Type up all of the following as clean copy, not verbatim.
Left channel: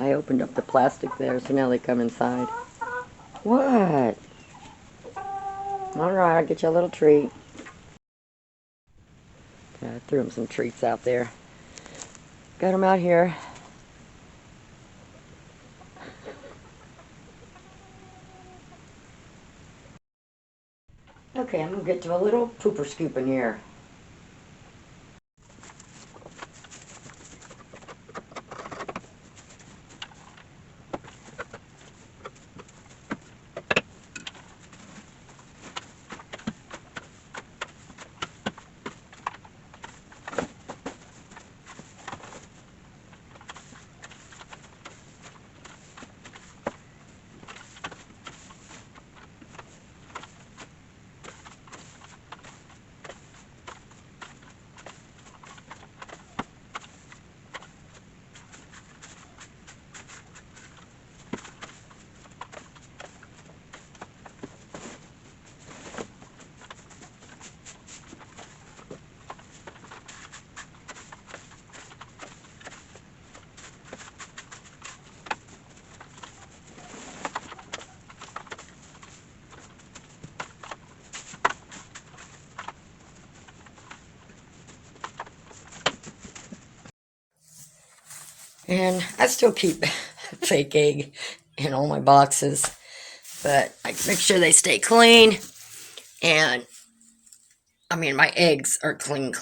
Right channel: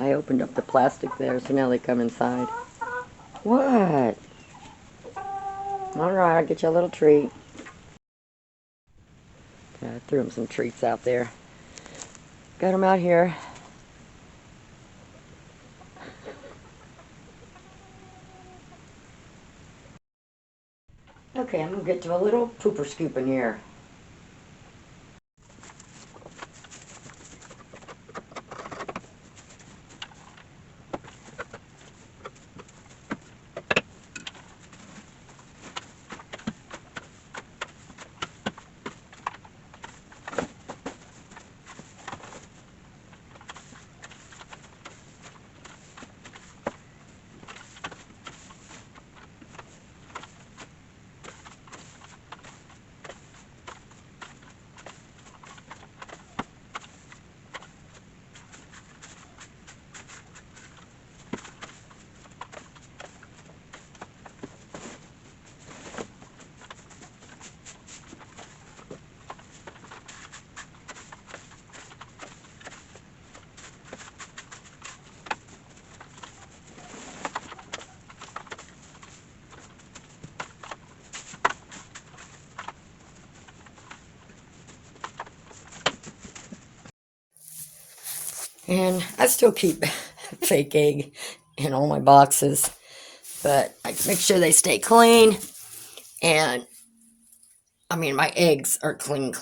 I opened up the plastic there, so now they come inside. What? Alright, I'll get you a little treat. Yeah, I threw them some treats out there. Got them out here. Okay, I'm going to get to a little pooper scoop in here. And I still keep fake egg in all my boxes, but I make sure they stay clean. And I mean, my eggs are clean.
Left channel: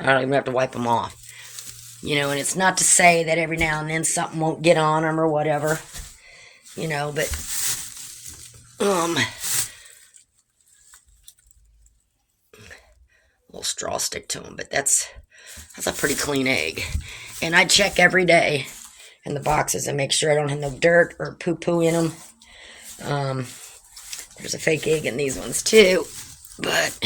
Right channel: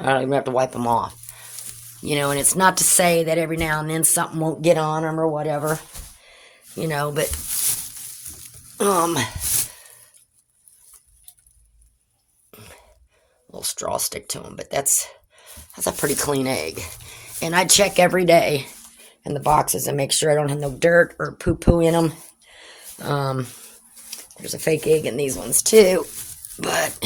I don't even have to wipe them off. You know, and it's not to say that every now and then something won't get on them or whatever. You know, but a little straw stick to them, but that's a pretty clean egg. And I check every day in the boxes and make sure I don't have no dirt or poo-poo in them. There's a fake egg in these ones too, but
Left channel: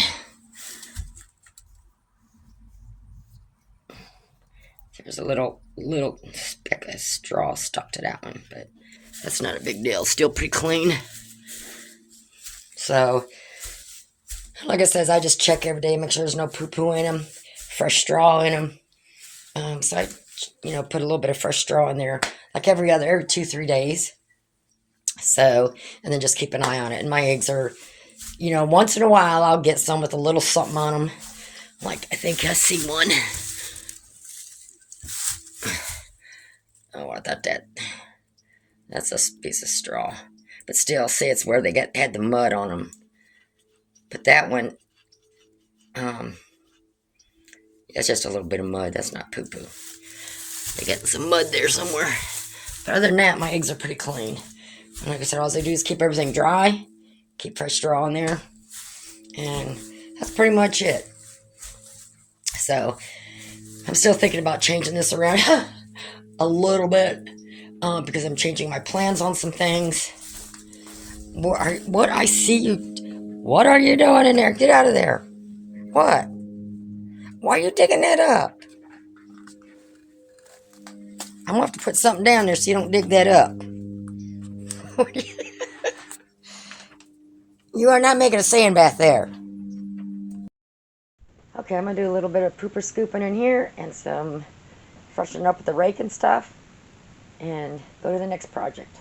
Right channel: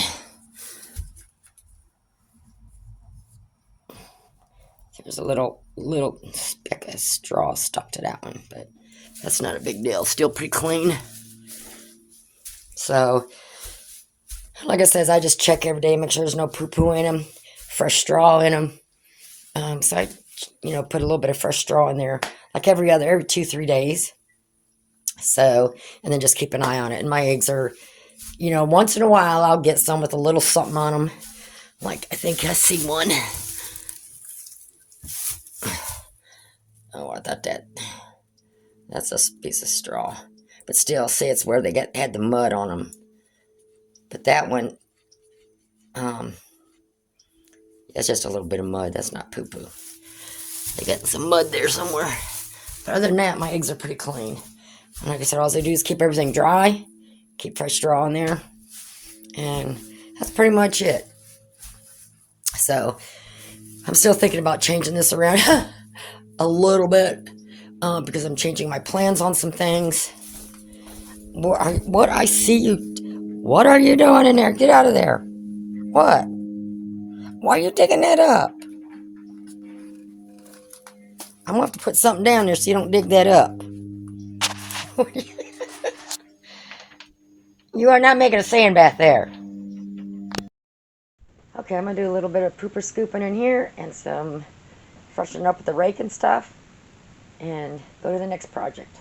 there's a little speck of straw stuck to that one, but that's not a big deal. Still pretty clean. So, like I said, I just check every day, make sure there's no poo-poo in them, fresh straw in them. So I, put a little bit of fresh straw in there, like every 2-3 days. So, and then just keep an eye on it. And my eggs are, once in a while I'll get some with a little something on them. Like, I think I see one. Oh, I thought that's a piece of straw. But still, see, it's where they had the mud on them. But that one, it's just a little bit of mud. That's not poo-poo. They got some mud there somewhere. But other than that, my eggs are pretty clean. And like I said, all I do is keep everything dry, keep fresh straw in there, and that's pretty much it. So, I'm still thinking about changing this around a little bit, because I'm changing my plans on some things. What I see you, what are you doing in there? Get out of there. What? Why are you digging that up? I'm going to have to put something down there so you don't dig that up. You are not making a sand bath there. Okay, I'm going to do a little bit of pooper scooping in here and some freshening up with the rake and stuff, and go to the next project.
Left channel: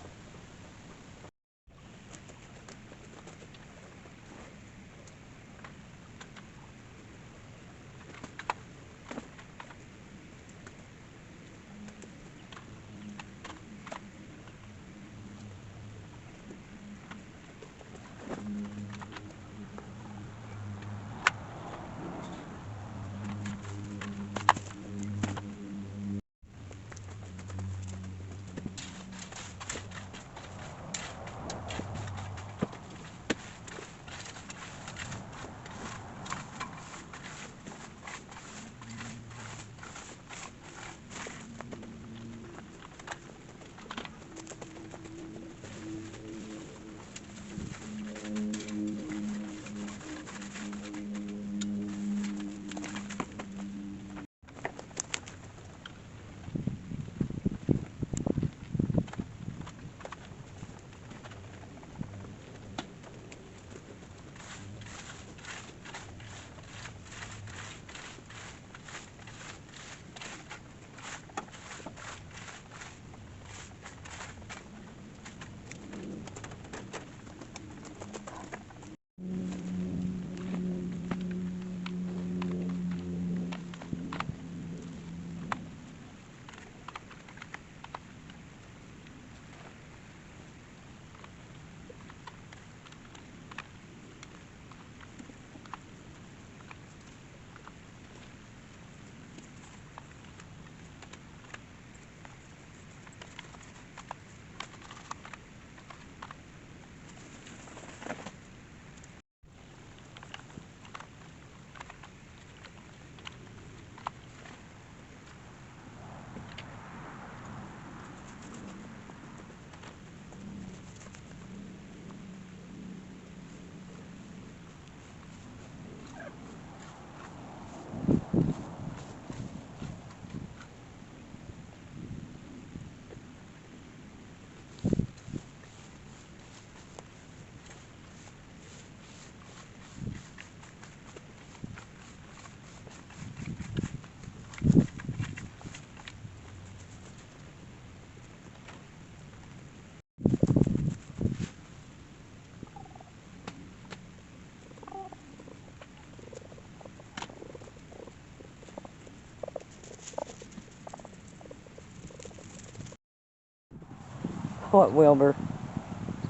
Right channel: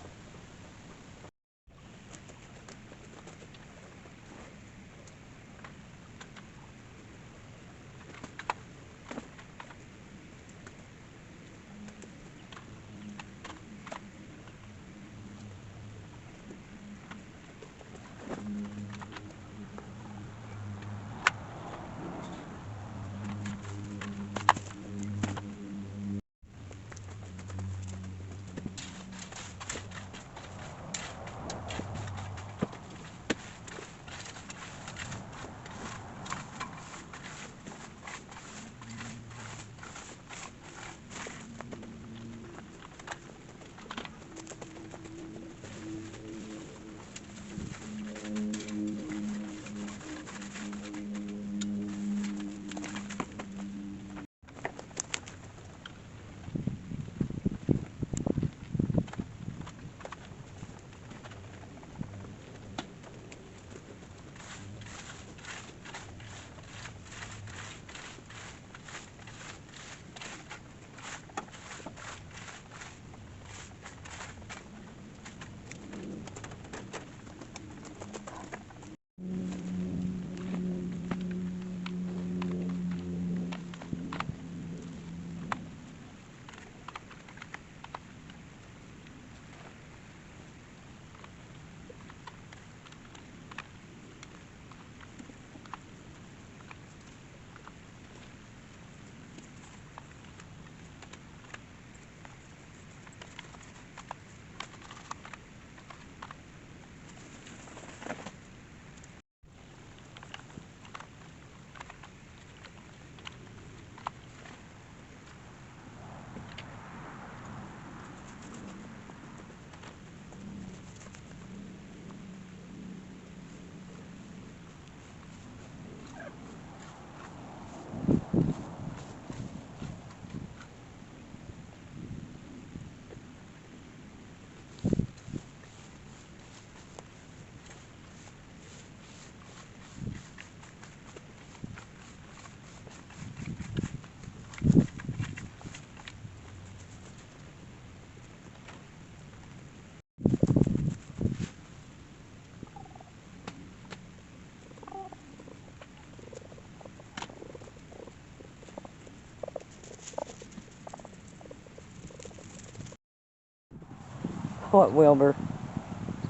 What, Wilbur?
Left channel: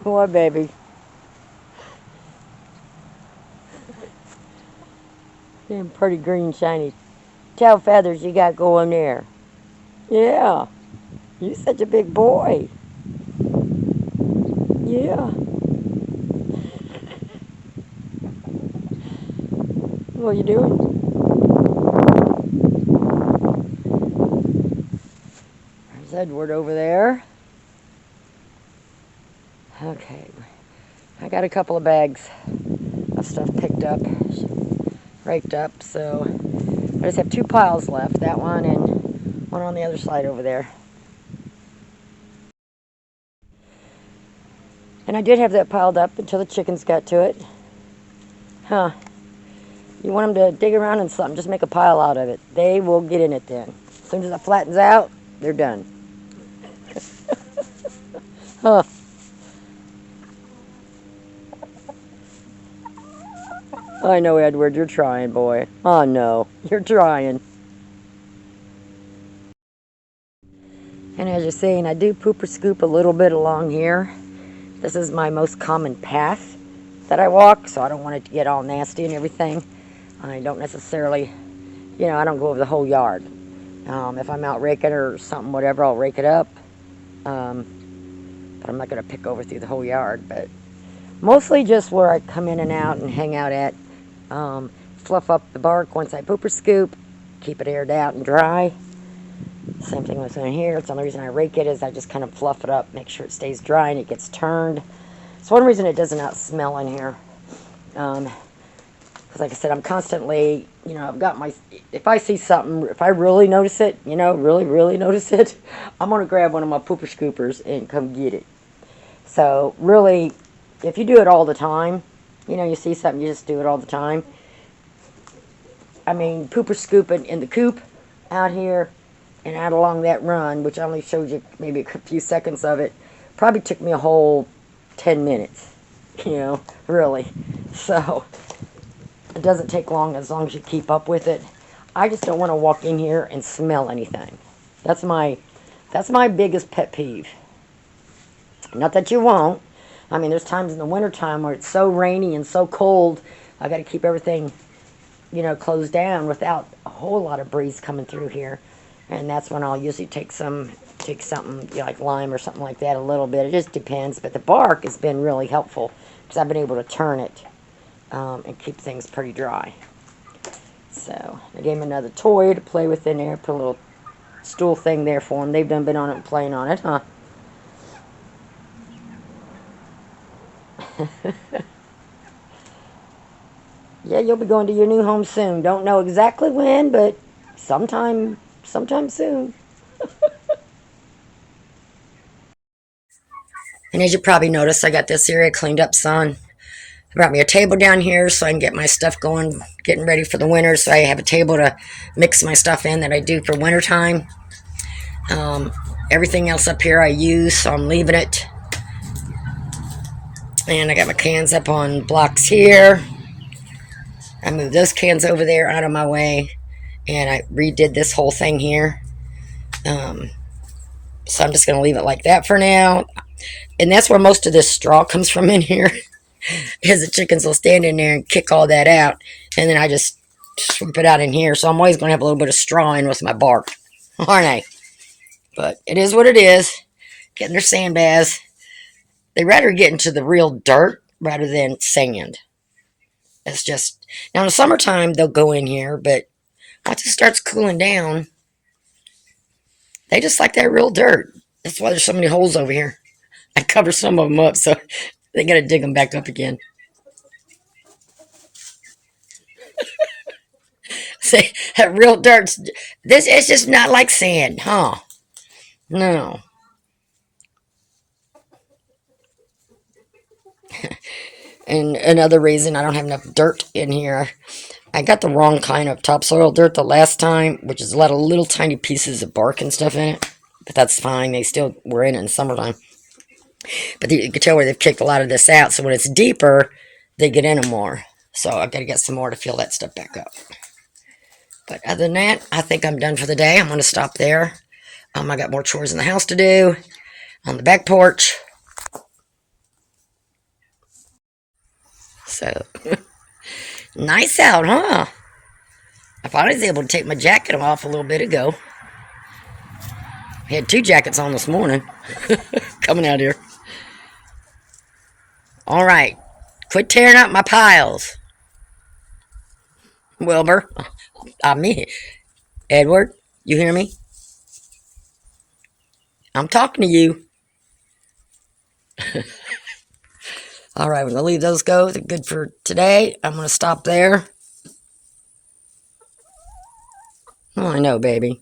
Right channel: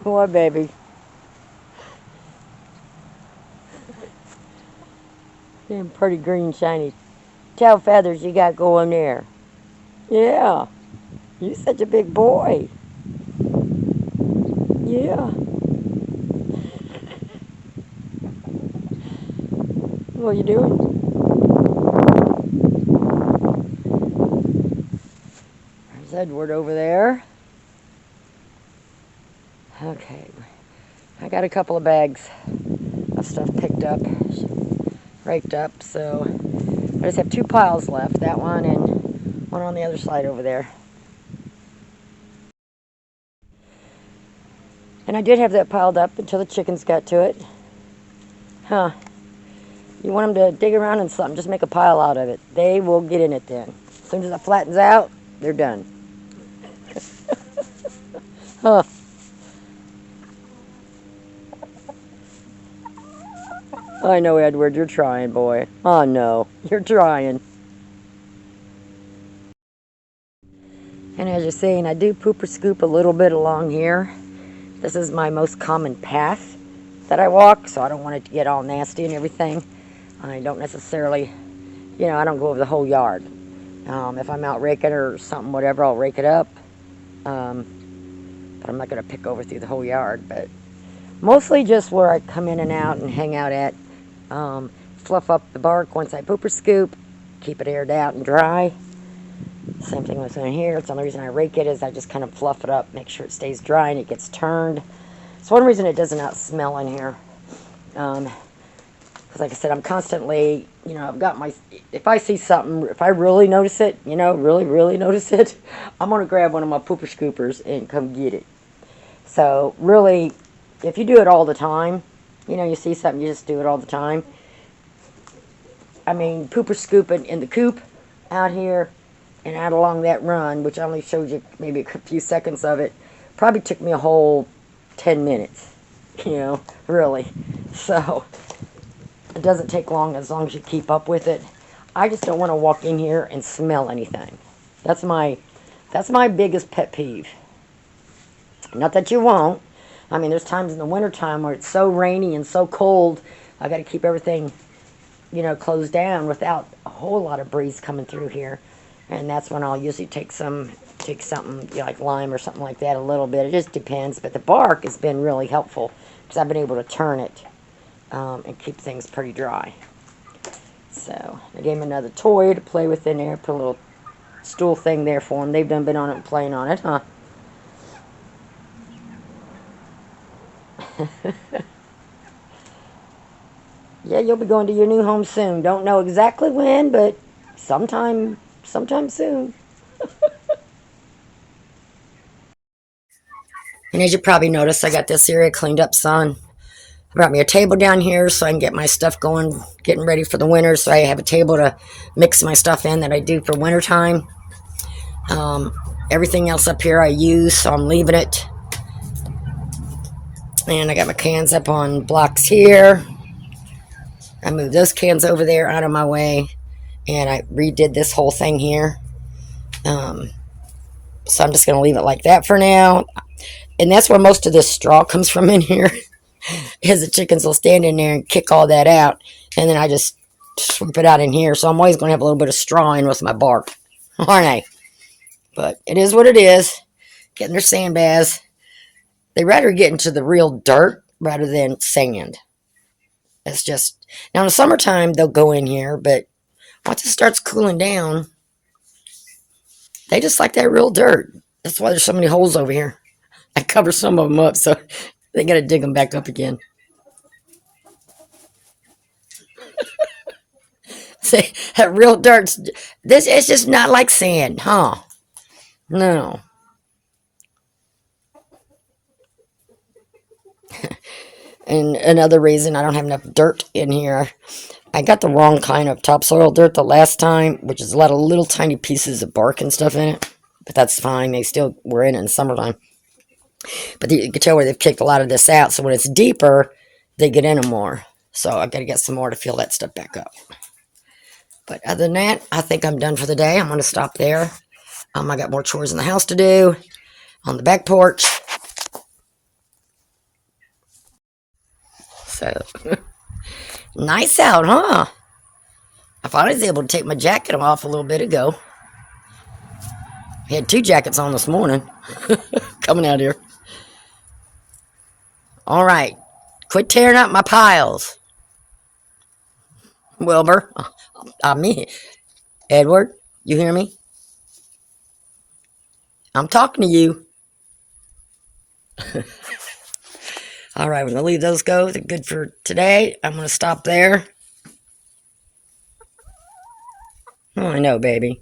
What, baby? Them pretty green shiny tail feathers you got going there. Yeah. You such a big boy. Yeah. What are you doing? There's Edward over there. Okay. I got a couple of bags of stuff picked up, raked up, so I just have two piles left. That one and one on the other side over there. And I did have that piled up until the chickens got to it. Huh. You want them to dig around in something, just make a pile out of it. They will get in it then. As soon as it flattens out, they're done. Huh. I know, Edward, you're trying, boy. Oh, no, you're trying. And as you're seeing, I do poop or scoop a little bit along here. This is my most common path that I walk, so I don't want it to get all nasty and everything. I don't necessarily, I don't go over the whole yard. If I'm out raking or something, whatever, I'll rake it up. But I'm not going to pick over through the whole yard. But mostly just where I come in and out and hang out at. Fluff up the bark once I poop or scoop. Keep it aired out and dry. Same thing with in here. It's the only reason I rake it is I just kind of fluff it up, make sure it stays dry and it gets turned. It's one reason it does not smell in here. Because like I said, I'm constantly, I've got my, if I see something, if I really notice it, really notice it, I'm going to grab one of my pooper scoopers and come get it. So really, if you do it all the time, you see something, you just do it all the time. I mean, pooper scooping in the coop out here and out along that run, which I only showed you maybe a few seconds of it, probably took me a whole 10 minutes, really. So it doesn't take long as you keep up with it. I just don't want to walk in here and smell anything. That's my biggest pet peeve. Not that you won't. I mean, there's times in the wintertime where it's so rainy and so cold, I got to keep everything, closed down without a whole lot of breeze coming through here. And that's when I'll usually take something, like lime or something like that, a little bit. It just depends. But the bark has been really helpful because I've been able to turn it and keep things pretty dry. So I gave him another toy to play with in there. Put a little stool thing there for him. They've done been on it and playing on it, huh? Yeah, you'll be going to your new home soon. Don't know exactly when, but sometime soon. And as you probably noticed, I got this area cleaned up, son. I brought me a table down here so I can get my stuff going, getting ready for the winter. So I have a table to mix my stuff in that I do for wintertime. Everything else up here I use, so I'm leaving it. And I got my cans up on blocks here. I moved those cans over there out of my way. And I redid this whole thing here. So I'm just going to leave it like that for now. And that's where most of this straw comes from in here. Because the chickens will stand in there and kick all that out. And then I just swoop it out in here. So I'm always going to have a little bit of straw in with my bark. Aren't I? But it is what it is. Getting their sand baths. They rather get into the real dirt rather than sand. It's just, now in the summertime they'll go in here, but once it starts cooling down, they just like that real dirt. That's why there's so many holes over here. I cover some of them up, so they gotta dig them back up again. See, that real dirt's, this is just not like sand, huh? No. And another reason I don't have enough dirt in here, I got the wrong kind of topsoil dirt the last time, which is a lot of little tiny pieces of bark and stuff in it. But that's fine. They still were in summertime. But you can tell where they've kicked a lot of this out. So when it's deeper, they get in them more. So I've got to get some more to fill that stuff back up. But other than that, I think I'm done for the day. I'm going to stop there. I got more chores in the house to do. on the back porch. So, nice out, huh? I finally was able to take my jacket off a little bit ago. I had 2 jackets on this morning. Coming out here. Alright. Quit tearing up my piles. Wilbur. Me. Edward, you hear me? I'm talking to you. Alright, we're going to leave those go. They're good for today. I'm going to stop there. Oh, I know, baby.